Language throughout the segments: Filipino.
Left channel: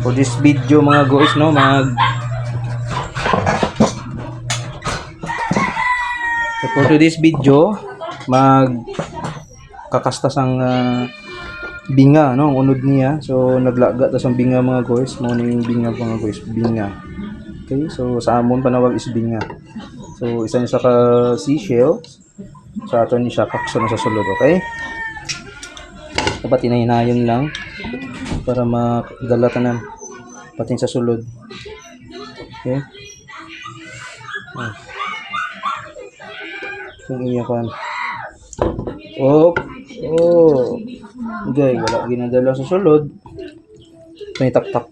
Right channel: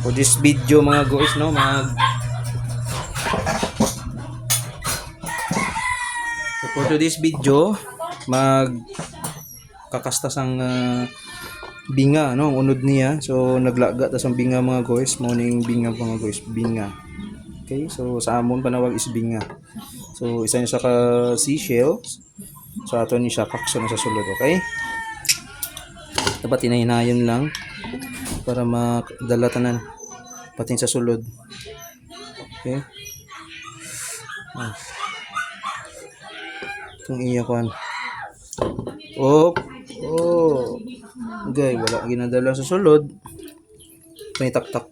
For this video mga guys, no, for today's video, kakastas ang binga, no, ang unod niya. So naglaga tas ang binga mga guys, mo na yung binga mga guys, binga. Okay, so sa amon panawag is binga. So isa niya sa ka seashells, sa ato ni siya kakso na sa sulod, okay? Dapat hinahinayon lang para makadala tanan pati sa sulod. Okay? Itong iya kan. Oh. Okay, wala ginadala sa sulod. May taktak.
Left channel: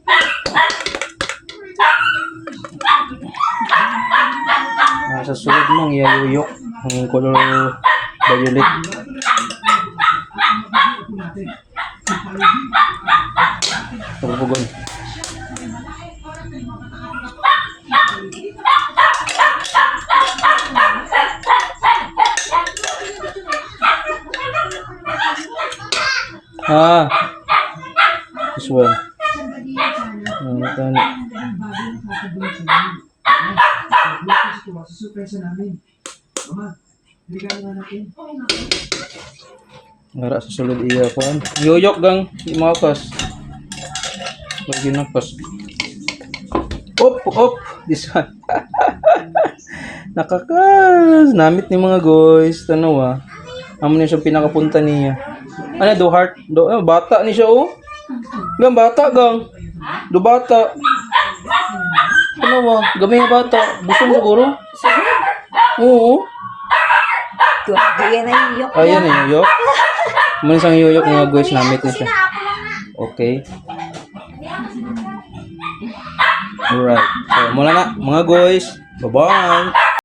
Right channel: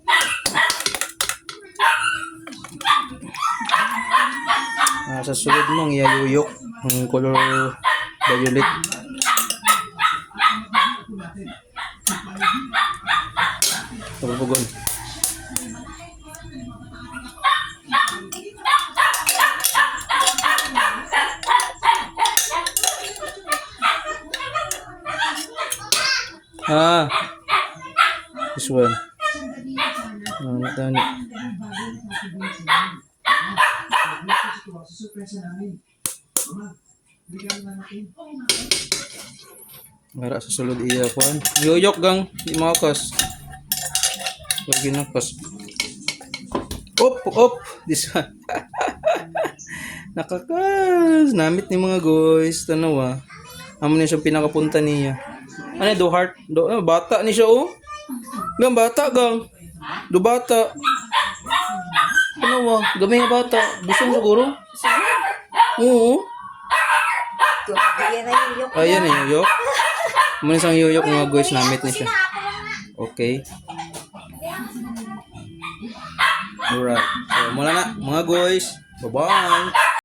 Sa sulod mo, iyayuyok ang color violet. Pagbugon. This one. Ngara sa sulod iya kuan. Yuyok gang di makas. Maginagpas. Op. This one. Nakakas. Namit ni mga guys. Tanaw Amo na siyang pinakapunta niya. Ano do heart? Bata ni siya Gang bata gang. Do bata. Ano gamay nga bata. Busong siguro? Oo. Ayan na yung yuk. Ayan na yung yuk. Muna isang yuyok mga guys, namit na siya. Okay. Alright. So mula na mga guys. Bye-bye.